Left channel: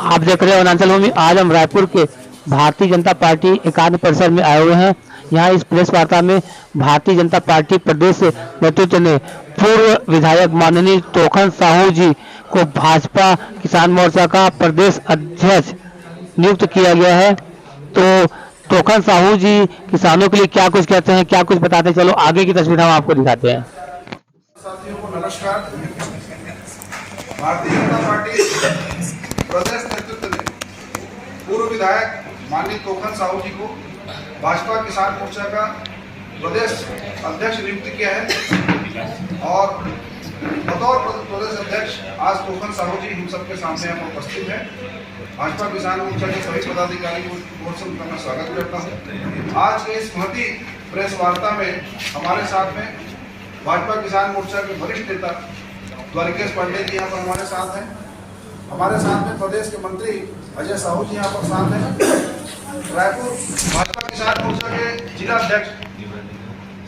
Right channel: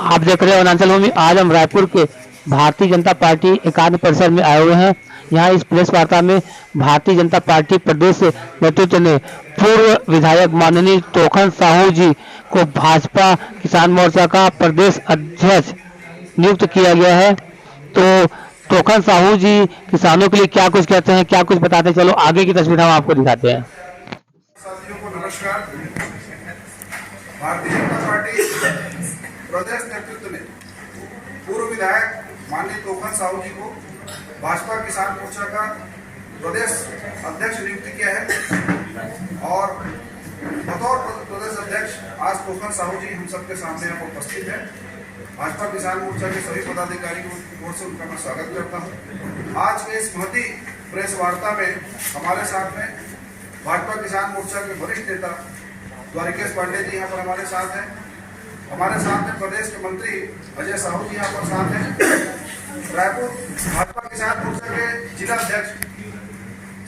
आप देख रहे हैं वनांचल भूमि। आज हम रायपुर के भारतीय जनता पार्टी एकात्म परिसर में आए हुए हैं। यहाँ इस प्रेस वार्ता में भारतीय जनता पार्टी प्रदेश नेतृत्व ने पूर्व विधायक माननीय तोखन साहू जी को भाजपा किसान मोर्चा का प्रदेश अध्यक्ष नियुक्त किया गया है। तो तोखन साहू जी किसानों के लिए क्या कुछ कहते हैं, क्या कुछ बताते हैं, चलो आगे की तस्वीर हम आपको दिखाते हैं। साथियों को नमस्कार। भारतीय जनता पार्टी प्रदेश नेतृत्व ने पूर्व विधायक माननीय तोखन साहू जी को भाजपा किसान मोर्चा का प्रदेश अध्यक्ष नियुक्त किया है और बतौर प्रदेश अध्यक्ष आज तोखन साहू जी हम सबके सामने यहाँ उपस्थित है। भाजपा किसान मोर्चा के सभी पदाधिकारी को ओर से उनका मैं स्वागत करता हूँ। आज के इस महती प्रेस वार्ता में हमारे साथ में भाजपा किसान मोर्चा के वरिष्ठ नेता द्वारिकेश पांडे जी यहाँ पर हमारे साथ हैं। हमारे साथ में प्रदेश के मंत्री अजय साहू जी यहाँ पर साथ हैं। रायपुर भाजपा किसान मोर्चा के जिला अध्यक्ष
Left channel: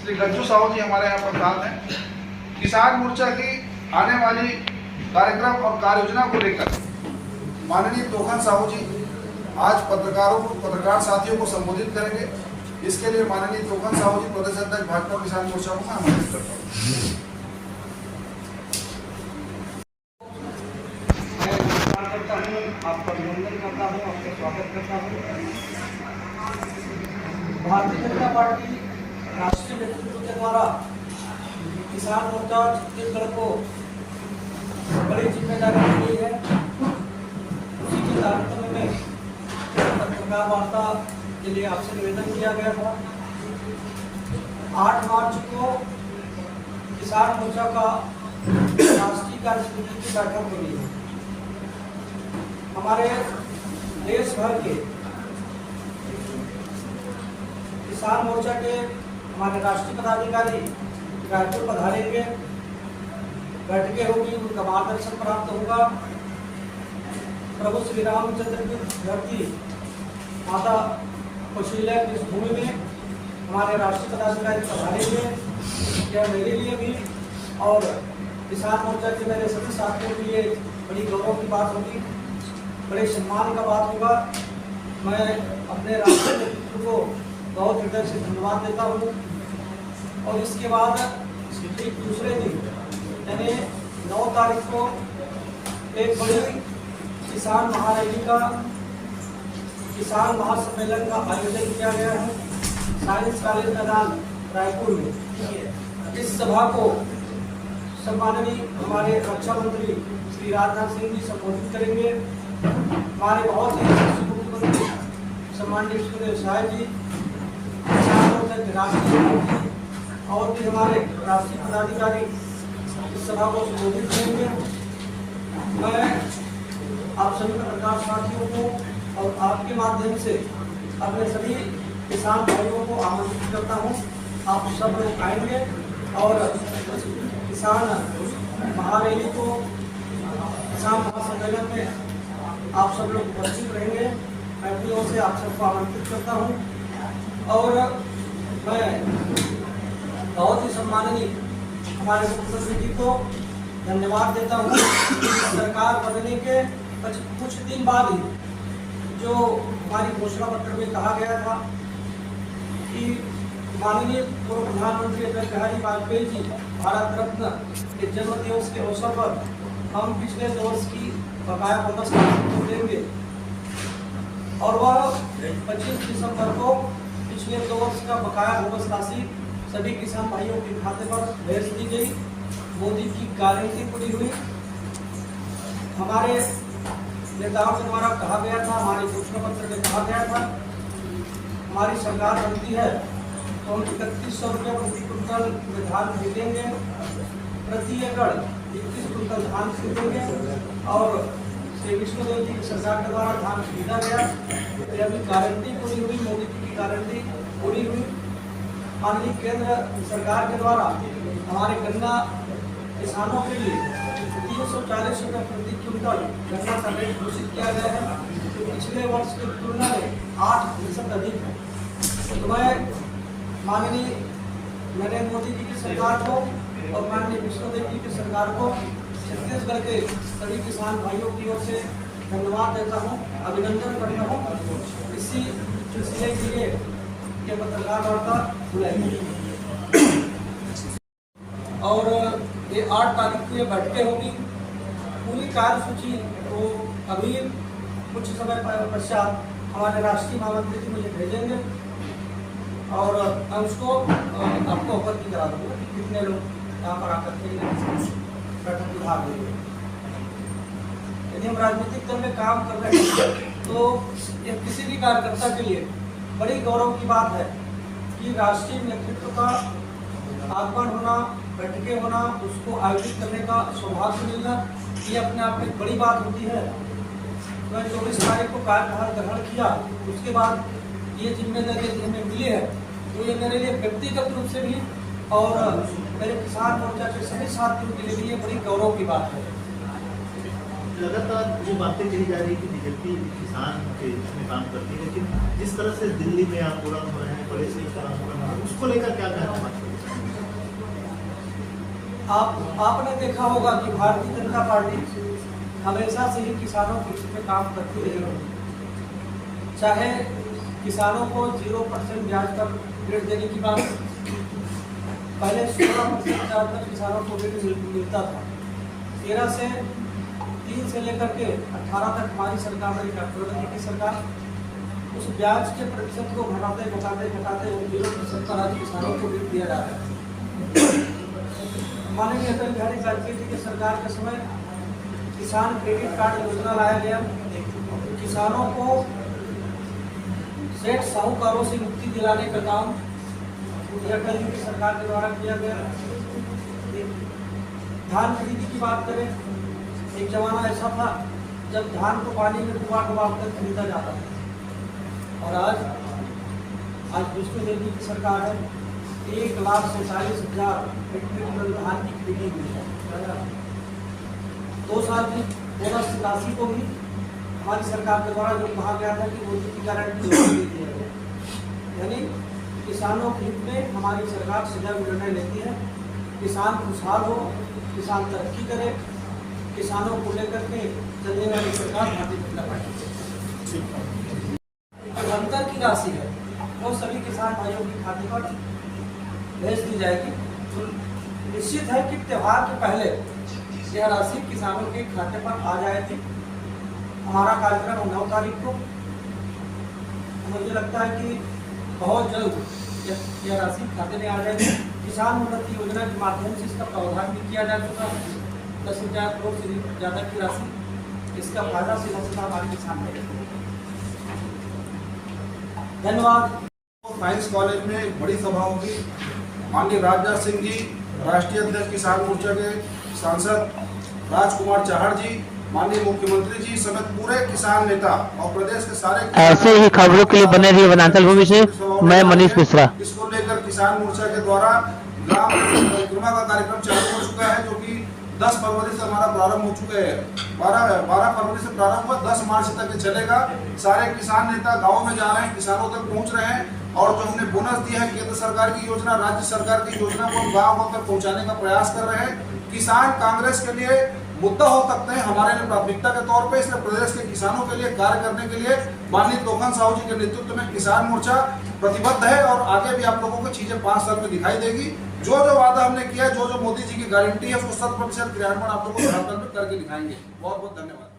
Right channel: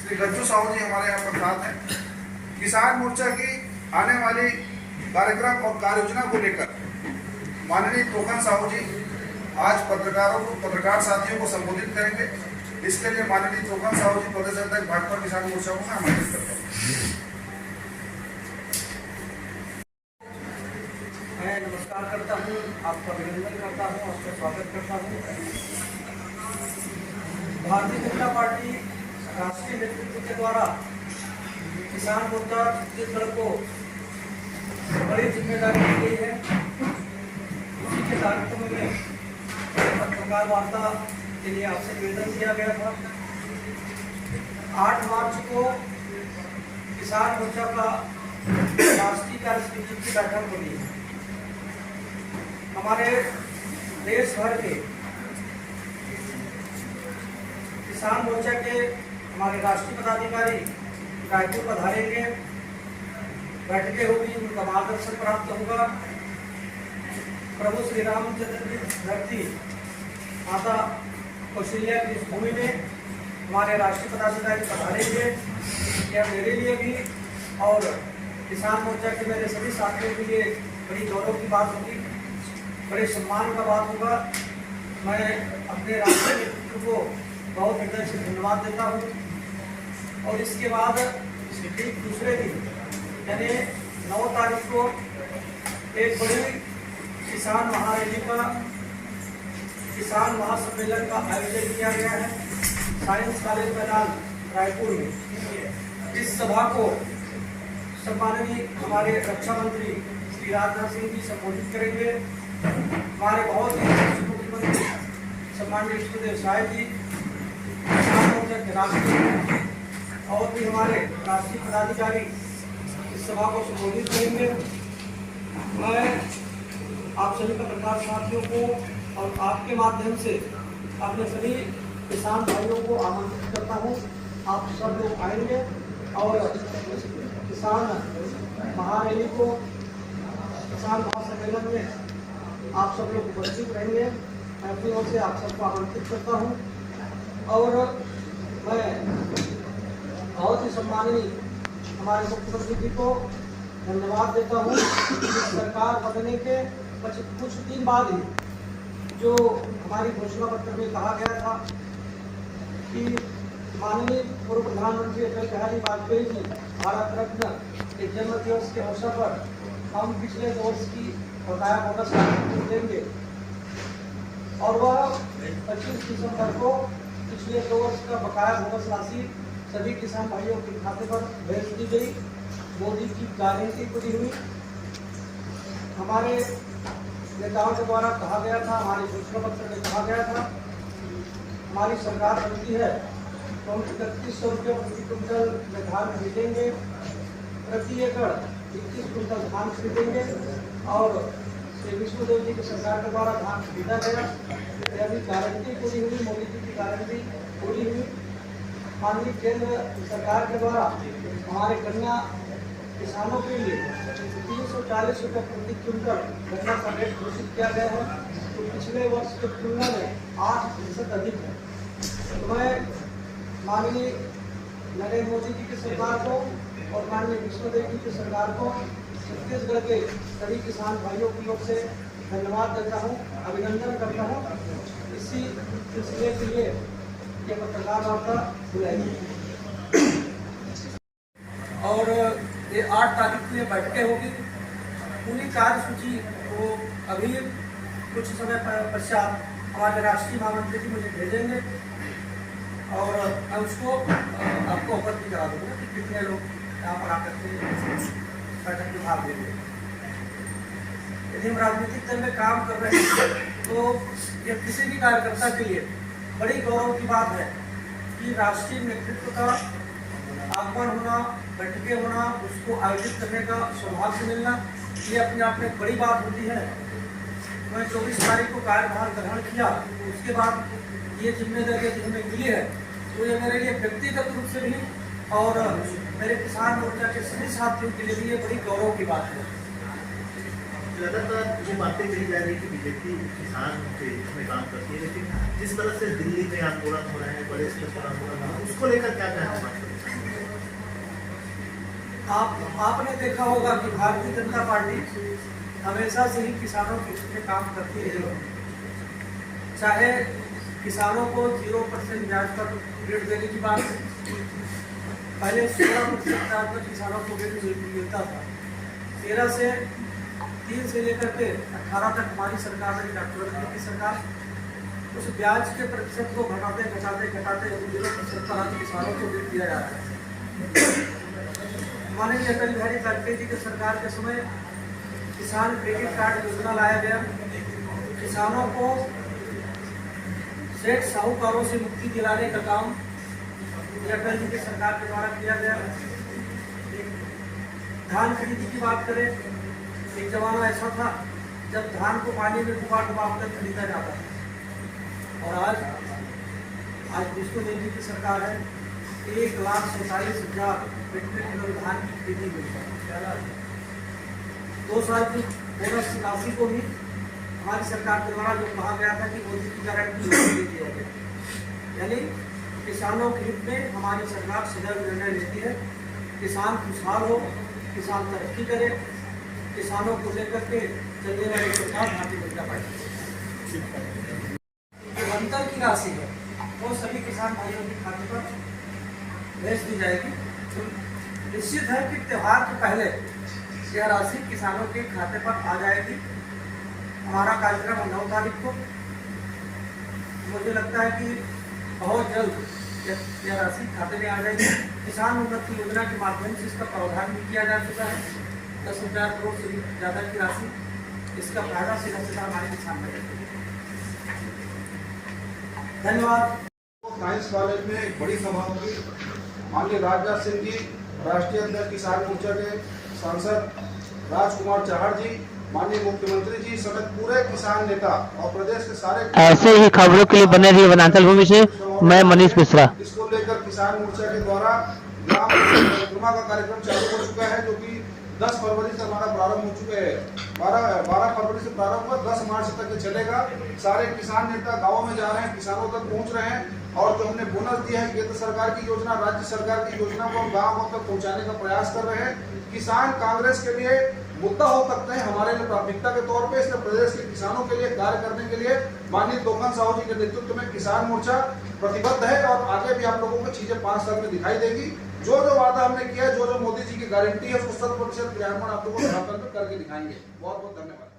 श्री गज्जू साहू जी हमारे यहाँ पर साथ हैं। किसान मोर्चा की आने वाली कार्यक्रम और कार्य योजना को लेकर माननीय तोखन साहू जी आज पत्रकार साथियों को संबोधित करेंगे। इसके लिए माननीय तोखन साहू जी प्रदेश अध्यक्ष भाजपा किसान मोर्चा को मैं आमंत्रित करता हूँ। आपका अभिनंदन करता हूँ, आपका स्वागत करता हूँ। भारतीय जनता पार्टी राष्ट्रीय नेतृत्व के द्वारा किसान मोर्चा छत्तीसगढ़ को बड़ी जिम्मेदारी दी गई है। उसी के कार्यक्रम में पत्रकार वार्ता के लिए आपसे निवेदन किया गया था। 8 मार्च को किसान मोर्चा का राष्ट्रीय कार्यसमिति की बैठक हुई है। हमारे देश भर के किसान मोर्चा के हमारे राष्ट्रीय पदाधिकारी रायपुर पधारेंगे, बैठकें होगी, उनका मार्गदर्शन प्राप्त होगा। प्रभु श्री रामचंद्र की धरती माता कौशल्या की इस भूमि में हमारे राष्ट्रीय पदाधिकारी पधारेंगे। यह मेरे लिए भी और किसान मोर्चा के मेरे सभी साथियों के लिए बड़ी गौरव की बात होगी, बड़े सम्मान का बात होगा। मैं अपने राष्ट्रीय नेतृत्व को बहुत हृदय से धन्यवाद देता हूँ। और इसके बाद ठीक दूसरे दिन यानी 9 तारीख को एक बड़ी किसान महारैली का किसान महासम्मेलन का आयोजन किया गया है साइंस कॉलेज मैदान रायपुर में। इस सभा को सम्माननीय हमारे रक्षा मंत्री श्री राजनाथ सिंह जी संबोधित करेंगे। हमारे बहुत ही मुख्यमंत्री सम्माननीय श्री देवसाय जी, राष्ट्रीय मंत्री और भी हमारे राष्ट्रीय पदाधिकारी इस सभा को संबोधित करेंगे। मैं आप सभी पत्रकार साथियों को और आपके माध्यम से अपने सभी किसान भाइयों को आमंत्रित करता हूँ। आप सब लोग आएंगे और किसान महारैली को, किसान महासम्मेलन में आप सब लोग उपस्थित रहेंगे। मैं अपनी ओर से आप सबको आमंत्रित करता हूँ। और मैं बहुत ही सम्माननीय हमारे मुख्यमंत्री जी को धन्यवाद देता हूँ। सरकार बनने के कुछ दिन बाद ही जो हमारी घोषणा पत्र में कहा गया था कि माननीय पूर्व प्रधानमंत्री अटल बिहारी वाजपेयी जी भारत रत्न के जन्म दिवस के अवसर पर हम पिछले 2 वर्ष की बकाया बोनस देंगे और वह 25 दिसंबर को पिछले 2 वर्ष का बकाया बोनस राशि सभी किसान भाइयों के खाते पर भेज दी गई। मोदी की गारंटी पूरी हुई। हमारे नेताओं के द्वारा कहा गया था, हमारे घोषणा पत्र में कहा गया था, हमारी सरकार बनती है तो हम 3100 रुपये प्रति क्विंटल में धान खरीदेंगे, प्रति एकड़ 21 क्विंटल धान खरीदेंगे। और श्री विष्णुदेव जी की सरकार के द्वारा धान खरीदा गया। फिर अभी गारंटी पूरी हुई, मोदी जी की गारंटी पूरी हुई। माननीय केंद्र सरकार के द्वारा हमारे गन्ना किसानों के लिए 340 रुपये प्रति क्विंटल गन्ना का रेट घोषित किया गया है, तो पिछले वर्ष की तुलना में 8% अधिक है। तो मैं माननीय नरेंद्र मोदी जी की सरकार को और माननीय विष्णुदेव जी की सरकार को छत्तीसगढ़ के सभी किसान भाइयों की ओर से धन्यवाद धन्यवाद देता हूँ, अभिनंदन करता हूँ। इसी सिलसिले के लिए ये पत्रकार वार्ता बुलाई गई और ये 8 तारीख को ये बैठकें होगी। पूरी कार्यसूची तो अभी कुछ समय पश्चात हमारे राष्ट्रीय महामंत्री जी मुझे भेजेंगे और मैं उसको आपको अवगत भी करा दूंगा कि कितने लोग यहाँ पर आकर के बैठक में भाग लेंगे। यदि हम राजनीतिक दल में काम कर रहे हैं तो यह किसी भी कार्यकर्ता के लिए बड़ी गौरव की बात है कि राष्ट्रीय नेतृत्व का आगमन होना, बैठकें होना, उसको आयोजित करने का सौभाग्य मिलना, ये अपने आप में एक बड़ी बात होती है। मैं 24 तारीख को कार्यभार ग्रहण किया, उसके बाद ये जिम्मेदारी हमें मिली है, तो ये मेरे लिए व्यक्तिगत रूप से भी और मेरे किसान मोर्चा के सभी साथियों के लिए भी ये बड़ी गौरव की बात है। लगातार ये बातें कही जा रही है कि बीजेपी किसान के में काम करती है, लेकिन जिस तरह से दिल्ली में आंदोलन हो रहे हैं, बड़े से आंदोलन हो रहे हैं, उसको लेकर क्या कहना है? आपने देखा होगा कि भारतीय जनता पार्टी हमेशा से ही किसानों के हित में काम करती रही है। चाहे किसानों को 0% ब्याज पर ऋण देने की बात, पहले 16% ब्याज पर किसानों को ऋण मिलता था। 13 से 3 से लेकर के 18 तक हमारी सरकार रही, डॉक्टर मोदी की सरकार, उस ब्याज के प्रतिशत को घटाते 0% पर आज किसानों को ऋण दिया जा रहा है। माननीय अटल बिहारी वाजपेयी जी के सरकार के समय किसान क्रेडिट कार्ड योजना लाया गया। किसानों को सेठ साहूकारों से मुक्ति दिलाने का काम अटल जी की सरकार के द्वारा किया गया। धान खरीदी की बात करें, एक जमाना ऐसा था जब धान को पानी में डुबा कर खरीदा जाता था, और आज विष्णु देवी की सरकार है, 1,47,000 मीट्रिक टन धान की खरीदी हुई है। 2 साल की बोनस राशि को भी हमारी सरकार के द्वारा जो कहा गया था कि मोदी की गारंटी दे दिया गया। यानी किसानों के हित में हमारी सरकार सदैव निर्णय लेती है। किसान खुशहाल हो, किसान तरक्की करे, किसानों को लेकर के चलने वाली सरकार भारतीय जनता पार्टी। अंतर की राशि है वो सभी किसान भाइयों के खाते पर भेज दी जाएगी। तो निश्चित है कि त्योहार के पहले यह राशि किसानों के खाते पर आ जाएगी। हमारा कार्यक्रम है 9 तारीख को। मुझे लगता है कि बहुत जल्द यह राशि खाते में आ जाएगी। किसान उन्नति योजना के माध्यम से इसका प्रावधान भी किया जा चुका है। 10,000 करोड़ से भी ज़्यादा की राशि, इसका फायदा सीधा सीधा हमारे किसान को। धन्यवाद। साइंस कॉलेज में एक बड़ी सभा होगी। माननीय राजनाथ सिंह जी, राष्ट्रीय अध्यक्ष किसान मोर्चा के सांसद राजकुमार चाहड़ जी, माननीय मुख्यमंत्री जी समेत पूरे किसान नेता और प्रदेश के सारे ऐसे ही खबरों के लिए बने रहिए वनांचल भूमि से। मैं मनीष मिश्रा। इसको लेकर किसान मोर्चा के द्वारा ग्राम परिक्रमा का कार्यक्रम चालू हो चुका है, जो कि 10 फरवरी से हमारा प्रारंभ हो चुका है। 12 फरवरी से प्रारंभ हुआ, 10 मार्च तक चलेगा। सारे किसान नेता गाँव में जा रहे हैं, किसानों तक पहुँच रहे हैं, और जो हमने बोनस दिया है केंद्र सरकार की योजना, राज्य सरकार की योजना को गाँव तक पहुँचाने का प्रयास कर रहे हैं। किसान कांग्रेस के लिए मुद्दा हो सकते हैं, हमारे लिए प्राथमिकता के तौर पे, इसलिए प्रदेश के किसानों के लिए कार्य करने के लिए माननीय तोखन साहू जी के नेतृत्व में किसान मोर्चा प्रतिबद्ध है, और आगे भी आप लोगों को चीजें 5 साल में दिखाई देगी। जो वादा हमने किया है, जो मोदी जी की गारंटी है, उसको 100% क्रियान्वयन आप लोगों को करके दिखाएंगे। बहुत बहुत धन्यवाद।